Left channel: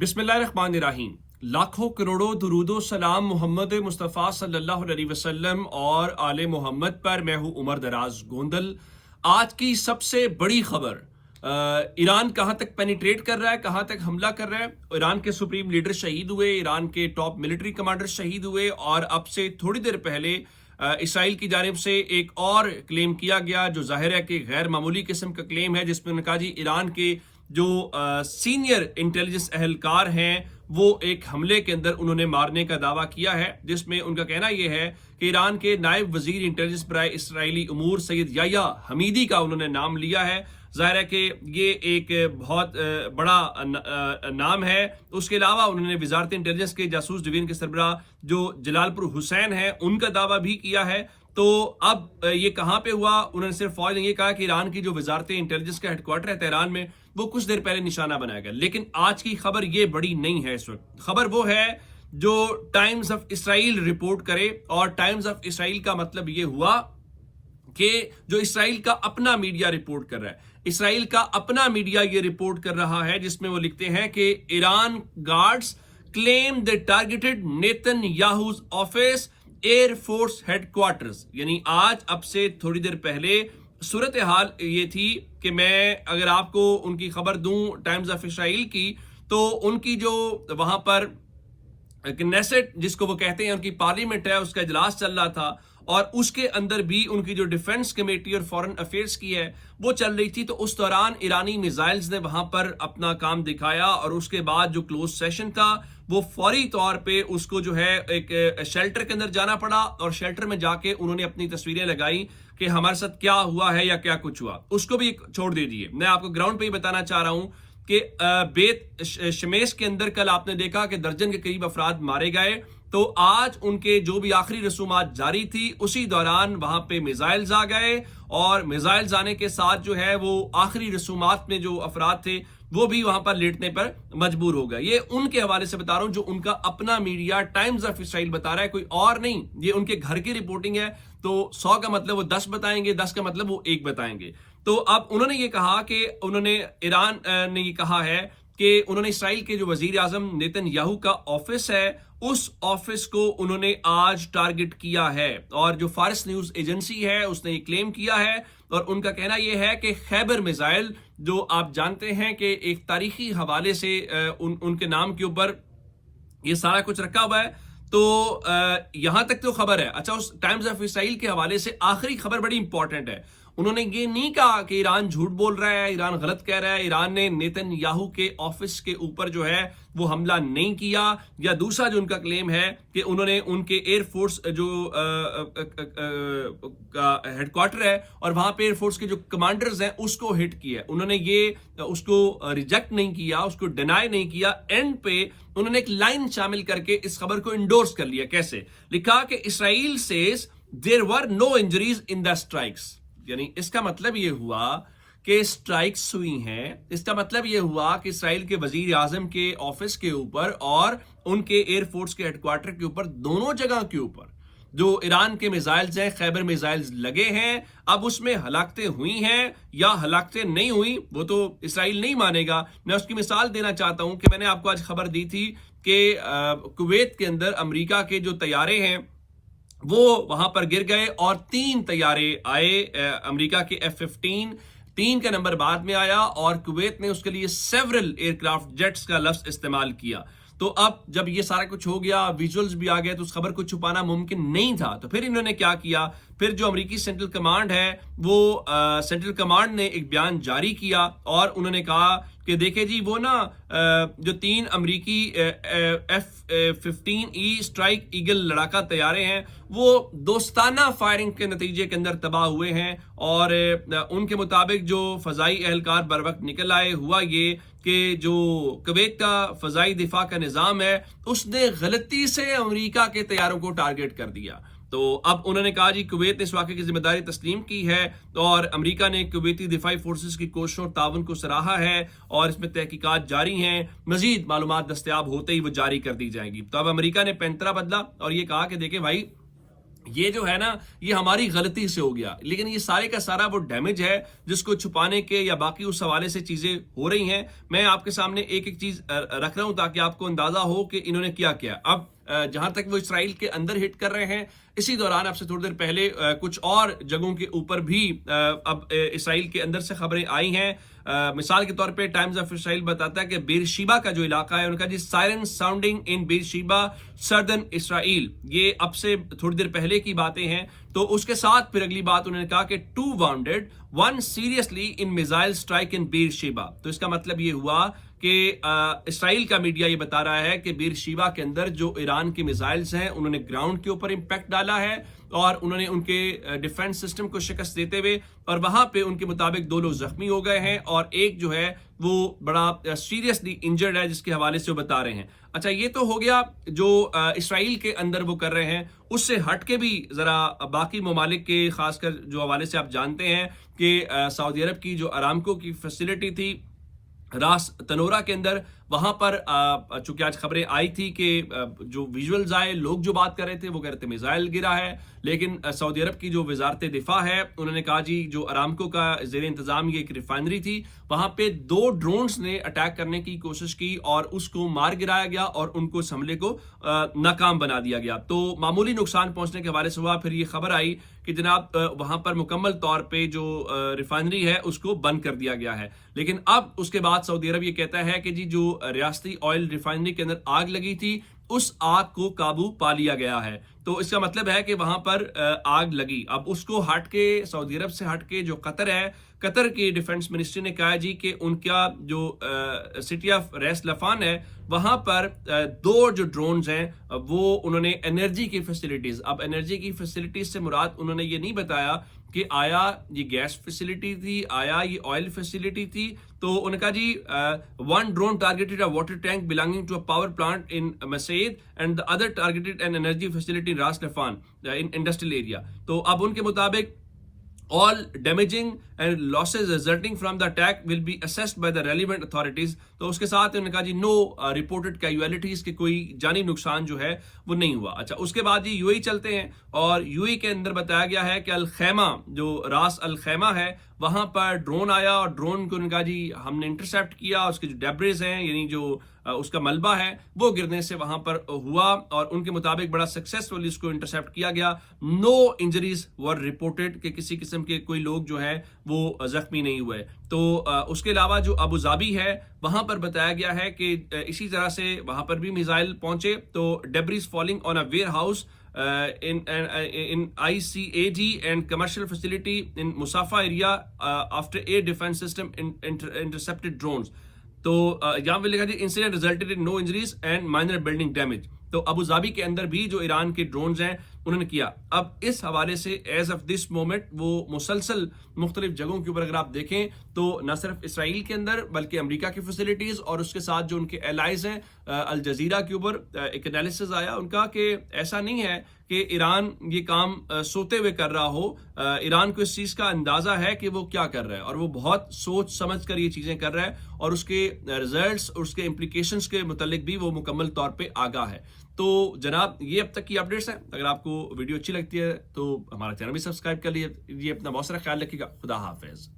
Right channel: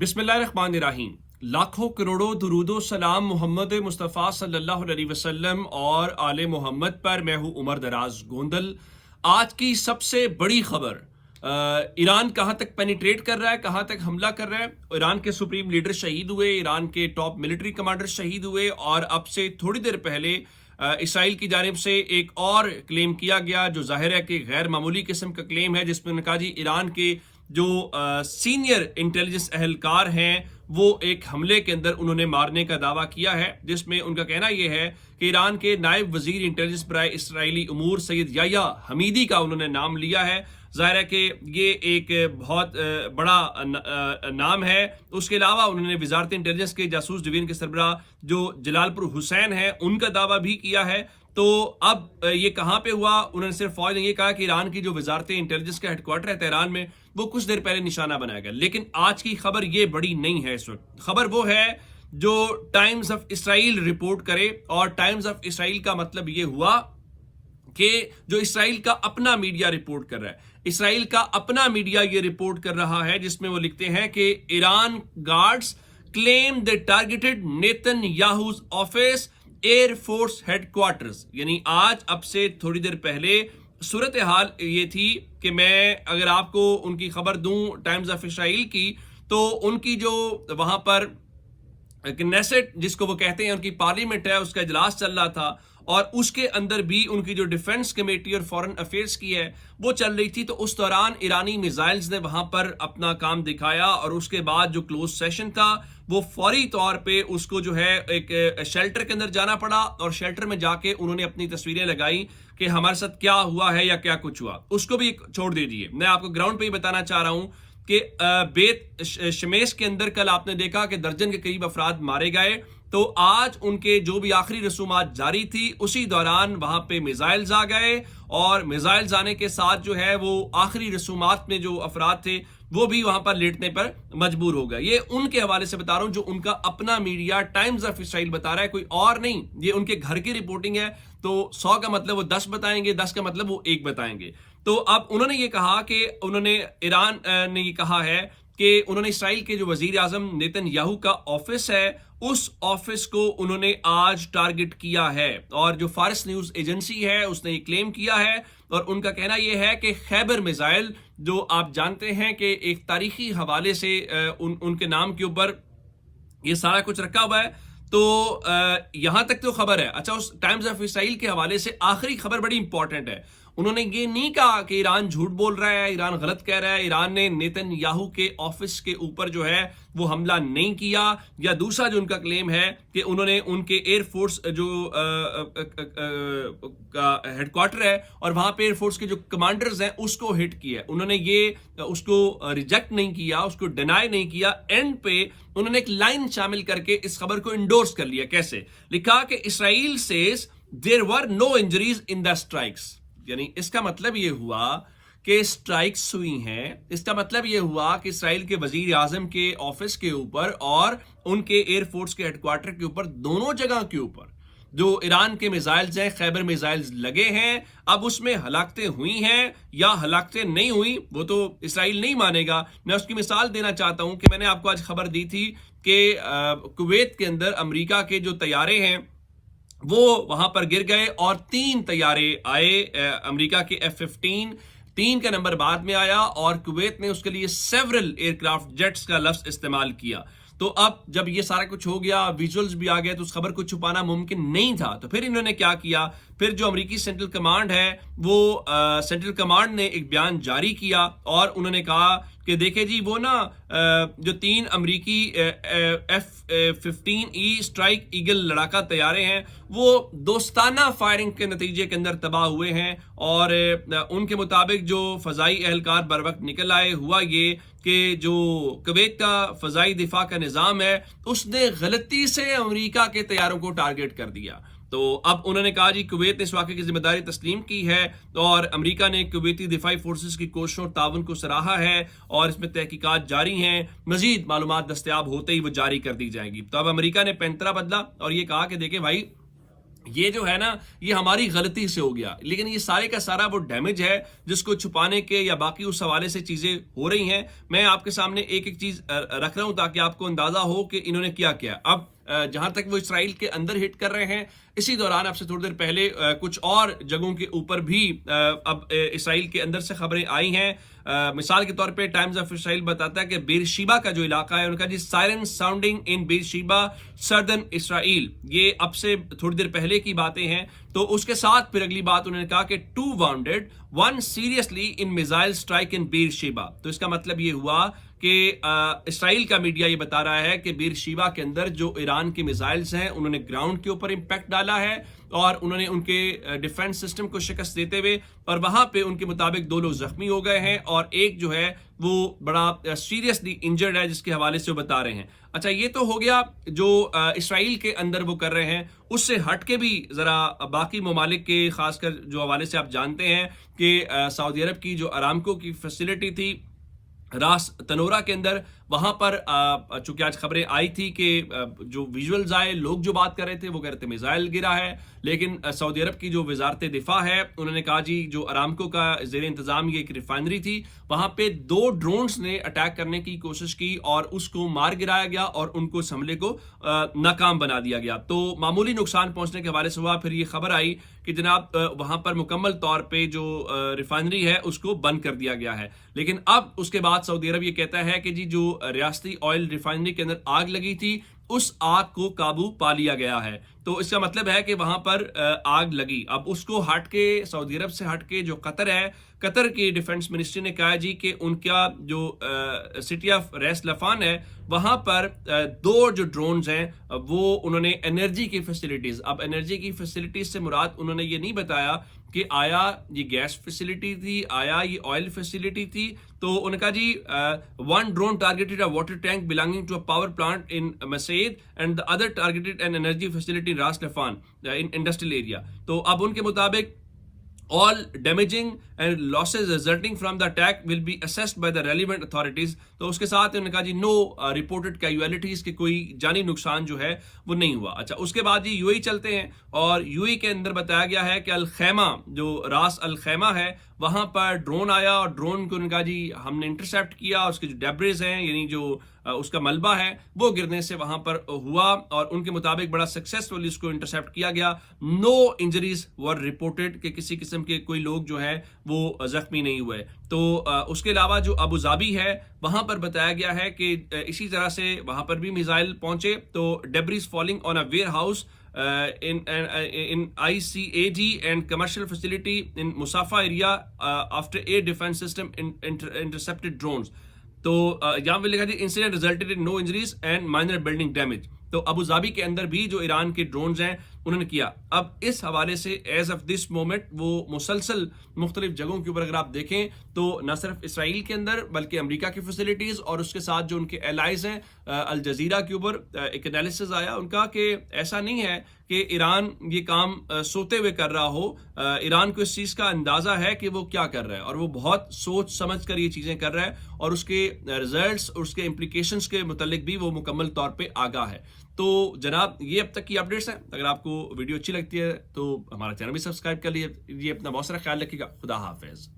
बिस्मिल्लाहिर्रहमानिर्रहीम। लाखों करोड़ों दुरूदो सलाम मोहम्मद मुस्तफ़ा सल्लल्लाहु अलैहि वसल्लम और आले मोहम्मद पर। मैं हूँ उमर दराज गोंदल। आज की सबसे बड़ी खबर, ईरान कहाँ तक पेनिट्रेट कर रहा है, कहाँ तक हमला कर रहा है। ईरान के सुप्रीम लीडर शहीद हुए, ईरान के टॉप मिलिट्री कमांडर शहीद हुए, और अब से थोड़ी देर पहले इसराइल की जानिब से एक और क्लेम किया गया जो जाहिर है कि गैर मामूली किस्म का क्लेम है, जिसमें उन्होंने कहा जी ईरान के जो सीनियर इंटेलिजेंस अहलकार हैं वो एक हमले के अंदर उन्होंने मारने का दावा किया है, जिसमें उनका कहना यह है कि ईरान के नायब वजीर इंटेलिजेंस बराए इसराइली उमूर सैयद याह्या हमीदी का उन्होंने नाम लिया है। जाहिर है कि ये एक बहुत बड़ा नाम है। उसके अलावा उन्होंने वजारत इंटेलिजेंस के जासूस डिवीजन के सरबराह जो जलालपुर हुसैन है उनका दावा भी किया है। तो अब ये कहाँ पे हुआ, उन्होंने सिर्फ फौज ने ये कहा कि ईरान की जो वजारत इंटेलिजेंस का हेडक्वार्टर है तेहरान में, वो कुछ देर पहले निशाना बनाया गया। लेकिन आज की खबर ये बड़ी नहीं है। इस वक्त खबर वो है जो टाइम्स ऑफ इसराइल रिपोर्ट करे, और टाइम्स ऑफ इसराइल का मतलब ये हुआ कि जो इसराइल का अपना मीडिया रिपोर्ट कर रहा है। इसराइल का अपना मीडिया ये रिपोर्ट कर रहा है जिसमें वो लिखते हैं कि Iran guards claim they targeted Netanyahu's office, air force headquarters. यानी आज अब से थोड़ी देर पहले सूरत हाल ये थी कि मैं अगर आपको उनकी खबर दूं टाइम्स ऑफ इसराइल की, तो उनकी जो वहां पर कनेसेट जिसको वो कहते हैं, उनकी पार्लियामेंट है, उसका इजलास चल रहा था, और उसके अंदर भी उनकी जो डिफेंस कमेटी और फॉरेन अफेयर्स की है वो चल रही थी। तो उस दौरान ईरानी मिसाइल्स ने वहां पर अपना काम दिखाया, और उसके बाद जो क्लोज सेशन था वो फौरी तौर पे उसको जो है एक शेल्टर के अंदर जाना पड़ा, और शेल्टर में जाके उन्होंने अपनी तस्वीरें लगाई कि हमारे साथ क्या हुआ है या क्या कुछ हुआ। उसको भी छोड़ दे दिए, मैं आपको ग्राउंड पे ही बताना चाह रहा हूं कि बेत शमेश के अंदर कल आपने देखा कि दर्जन के करीब अफराद मारे गए। तो आज उनके जो भी आखिरी रसूमात जारी थी उसी दौरान वहां पे मिसाइल्स आ गए, और मिसाइल्स आने के साथ जो है वो आखिरी रसूमात में जो अफराद थे वो भी वहां पर लेटने पर मजबूर हो गए। ये उनके हवाले से बता रहा हूं जो उनका अपना मीडिया टाइम्स ऑफ इसराइल बता रहा है, कोई और नहीं। ये उनके घर की रिपोर्टिंग है, तो 100 का मतलब वो 10 बताएंगे, 10 का मतलब वो 1 बताएंगे। तो अब उन्होंने ये कहा कि उन्होंने ईरान ने ये कहा है कि उन्होंने इसराइल के जो वजीर आजम नेतन्याहू का ऑफिस है उस ऑफिस को उन्होंने आज टारगेट किया है, और जो फारिस न्यूज एजेंसी है उसने ये क्लेम किया है। और उनका कहना यह है कि खैबर मिसाइल, जो आप जानते हैं कि एक तारीखी हवाले से उनके नाम के ऊपर ये सारा कुछ रखा हुआ है, तो यहां तक तो खबर है। अच्छा, उस टाइम्स ऑफ इसराइल के हवाले से आखिरी खबर बड़ी इंपॉर्टेंट है। उन्होंने ये नहीं कहा कि ईरान झूठ बोल रहा है, ईरान गलत कह रहा है, ईरान ने नेतन्याहू के ऑफिस के ऊपर जो है वो हमला नहीं किया, या दूसरा जो उनका क्लेम है कि उन्होंने उनके एयरफोर्स जो हेडक्वार्टर है और वहां पे एयरफोर्स के जो कमांडर्स हैं उसको हिट किया। उन्होंने ये उसको रिजेक्ट नहीं किया, उसको डिनाई नहीं किया। एंड पे उन्होंने एक लाइन शामिल करके इस खबर को इंडोर्स कर लिया। कैसे लिखा कि Israel says there were no injuries in the strikes. यानी इसका मतलब यह हुआ कि स्ट्राइक्स हुई हैं, इसका मतलब यह हुआ कि इसराइल के वजीर आजम के ऑफिस के ऊपर और उनके एयरफोर्स के हेडक्वार्टर के ऊपर, दोनों जगह के ऊपर जो ईरान के मिसाइल्स हैं, खैबर मिसाइल्स लगे हैं। अब उसमें हलाकतें हुई हैं या हलाकतें नहीं हुई वो तो इसराइल नहीं मानेगा। मैं उसकी मिसाल देना चाहता हूं कि मैंने आपको आज खबर दी थी कि कुवैत के अंदर अमेरिका के जो तैयारे हैं वो वहां पर गिर गए, और 3 तैयारे आए अमेरिका के F-15, 3 का नंबर बाद में आया, और कुवैत ने उसके लिए सेवरल एयरक्राफ्ट जेट्स का लफ्ज इस्तेमाल किया। तो अब जब ये सारा कुछ हो गया, विजुअल्स भी आ गए, तो उस खबर को छुपाना मुमकिन नहीं था। तो फिर इन्होंने क्या किया, फिर जो अमेरिकी सेंट्रल कमांड है वो सेंट्रल कमांड ने एक बयान जारी किया, और उन्होंने कहा कि देखे जी वो ना जो 3 अमेरिकी F-15E स्ट्राइक ईगल लड़ाका तैयारे हैं वो दोस्ताना फायरिंग के नतीजे के अंदर तबाह हुए हैं, और उनके मुताबिक जो फजाई एहलकार बर वक्त निकल आए, हुआ ये कि जो कुवैत का फजाई दिफा का निजाम है उसने गलती से अमेरिका के तैयारों को टारगेट कर दिया। तो अब उन्होंने कहा जी कुवैत ने इस वाक़े की जिम्मेदारी तस्लीम की है, और अमेरिका ने कुवैती दिफाई फोर्सेस की कोशिशों और ताउन को सराहा है, और इसमें तहकीकात जारी हैं। मजीद मालूमात दस्तयाब होते ही वो जारी कर दी जाएगी। तो अब अमेरिका ने पैंतरा बदला और ये कहा कि देखें भाई, یہ جو ہے نا یہ ہماری غلطی سے ہو گیا، لیکن یہ سارے کا سارا وہ ڈیمیج ہے جس کو چھپانے کے یا باقی اس حوالے سے چیزیں ہو رہی ہیں. میں آپ کے سامنے ایک ایک چیز رکھ رہا ہوں تاکہ آپ کو اندازہ ہو کہ انہوں نے کیا کیا. اب جہاں تک وہ اسرائیل کے اندر ہٹ کر رہے ہیں، اسی دوران اب سے تھوڑی دیر پہلے کچھ اور جگہوں کے اوپر بھی اب اسرائیل کے اندر سے خبریں آئی ہیں. مثال کے طور پہ ٹائمز آف اسرائیل بتاتا ہے کہ بیر شیبا کا جو علاقہ ہے ان کا جی سائرن ساؤنڈنگ ان بیر شیبا سردن اسرائیل، یہ اب سے تھوڑی دیر پہلے کی باتیں ہیں. تو اس کے ساتھ پھر اگلی بات انہوں نے کہا کہ 2 wounded 1 seriously in missile strike in بیر شیبا. تو اس کا مطلب یہ ہوا کہ اسرائیل کا میڈیا یہ بتا رہا ہے کہ بیر شیبا کے اندر جو ایران کے میزائلز ہیں انہوں نے گراؤنڈ کے اوپر امپیکٹ ڈالا ہے اور انہوں نے ان کے ڈیفنس سسٹم کو شکست دیتے ہوئے، اور وہاں پہ ان کے مطابق 2 لوگ زخمی ہو گئے ہیں اور ایک جو ہے وہ بڑا سیریسلی انجرڈ ہے جس کے حوالے سے وہ بتا رہے ہیں. اچھا یہ تو ہو گیا جو اسرائیل کے اندر وہ کر رہے ہیں. اس سے ہٹ کے بھی ذرا باقی ممالک کے خاص کر جو حوالے سے آپ جانتے ہیں کہ سعودی عرب کی جو ارامکو کی فیسلٹی تھی راس تنورہ کے اندر، وہاں پر چونکہ آج خبریں آئی تھی کہ جو ویژولز آئے، لوگ جو بات کر رہے تھے وہ کہہ رہے تھے میزائل گرا ہے، لیکن سعودی عرب کی جو وزارت دفاع ہے انہوں نے کہا جی جو ارامکو کا زیر انتظام یہ ایک ریفائنری تھی وہاں پہ 2 ڈرونز نے اٹیک کرنے کی کوشش کی اور اس کو مار گرایا گیا اور ان کو اس حملے کو ناکام بنا دیا گیا. تو معمولی نقصان پہنچنے کے حوالے سے ہوا. پھر یہ خبر آئی کہ جناب وہاں پر مکمل طور پہ جو ریفائنری ہے اس کو بند کر دیا گیا ہے. لیکن اب اس کے بعد سعودی عرب یہ کہتا ہے کہ جی جو ریاستی آئل ریفائنری کے اندر آگ لگی تھی اس آگ کو قابو پا لیا گیا ہے. تو اس کا مطلب ہے کہ وہاں پر آگ لگی. اب اس کو ہٹ کے سعودی عرب سے ہٹ کے جو قطر ہے، قطر کی ڈیفنس منسٹری نے کہا جی کہ ان کا جو سٹی آف ریس لفان ہے وہاں پر 2 جو ڈرونز ہیں وہ انہوں نے انرجی کی فیسلٹیز، اب انرجی کی فیسلٹیز سے مراد انہوں نے یہ نہیں بتایا کہ آیا یہ گیس فیسلٹی تھی، آیا یہ آئل فیسلٹی تھی. تو ان کا جی 1 drone targeted a water tank belonging to a power plant in Masad and the other targeted an energy facility in Ras Laffan in industrial area. تو اب ان کے مطابق all damaging and losses resulting from the attack will be assessed by the relevant authorities. تو اس کے ساتھ انہوں نے کہا جی no reported casualties کہ کوئی جانی نقصان جو ہے وہ نہیں ہوا. اچھا اس کے بعد جی یو اے چلتے ہیں اور یو اے کے اندر بتایا گیا ہے کہ الخیمہ جو راس الخیمہ ہے وہاں پر ڈرون آیا اور ڈرون کو انہوں نے کہا جی ہم نے انٹرسیپٹ کیا، اس کے جو ڈیبریز ہیں یعنی جو اس کا ملبہ ہے وہ گرنے سے وہاں پر ہوا اور ان کے مطابق بڑا سکسیسفلی اس کو انٹرسیپٹ کیا گیا. نو انجریز ور رپورٹڈ کہ کسی قسم کے کوئی لوگ جو ہے وہ زخمی نہیں ہوئے. تو اس کے علاوہ جو ابو ظبی ہے وہاں پر بتایا گیا ہے کہ اسی طرح سے وہاں پر بھی میزائل پہنچے. تو debris falling on a warehouse in ICAD and commercial facility in Musafa area after air defense system intercepted drones. تو یہاں پہ لکھا جی incident resulted in no injuries and minor building damage. تو ابو ظبی کے اندر بھی جو ایران کے ڈرونز ہیں انہوں نے کیا. اب اس حوالے سے ایز آف دس مومنٹ وہ مسلسل مختلف جگہوں کے اوپر اگر آپ دیکھیں تو نہ صرف اسرائیل کے اندر بلکہ امریکہ کی فیسلٹیز اور اس کے ساتھ جو ان کے الائز ہیں الجزیرہ کے اوپر ایک انالیسز آیا ان کا کہ ایسا نہیں ہے کہ ایران یہ کام سوتے ہوئے کر رہا ہو. ایران کو اس چیز کا اندازہ ہے کہ وہ کیا کر رہا ہے اور وہ بہت سوچ سمجھ کر یہ چیزیں کر رہا ہے اور اس کے ریزلٹس اور اس کے امپلیکیشنز کے متعلق بھی وہ مکمل طور پہ آگاہ ہے. تو جناب یہ اب تک کی اپڈیٹس ہیں. اگر آپ کو ویڈیو اچھی لگتی ہے تو ہمارا چینل بھی سبسکرائب کر لیجیے. اپنا بہت سارا خیال رکھیے گا. خدا حافظ.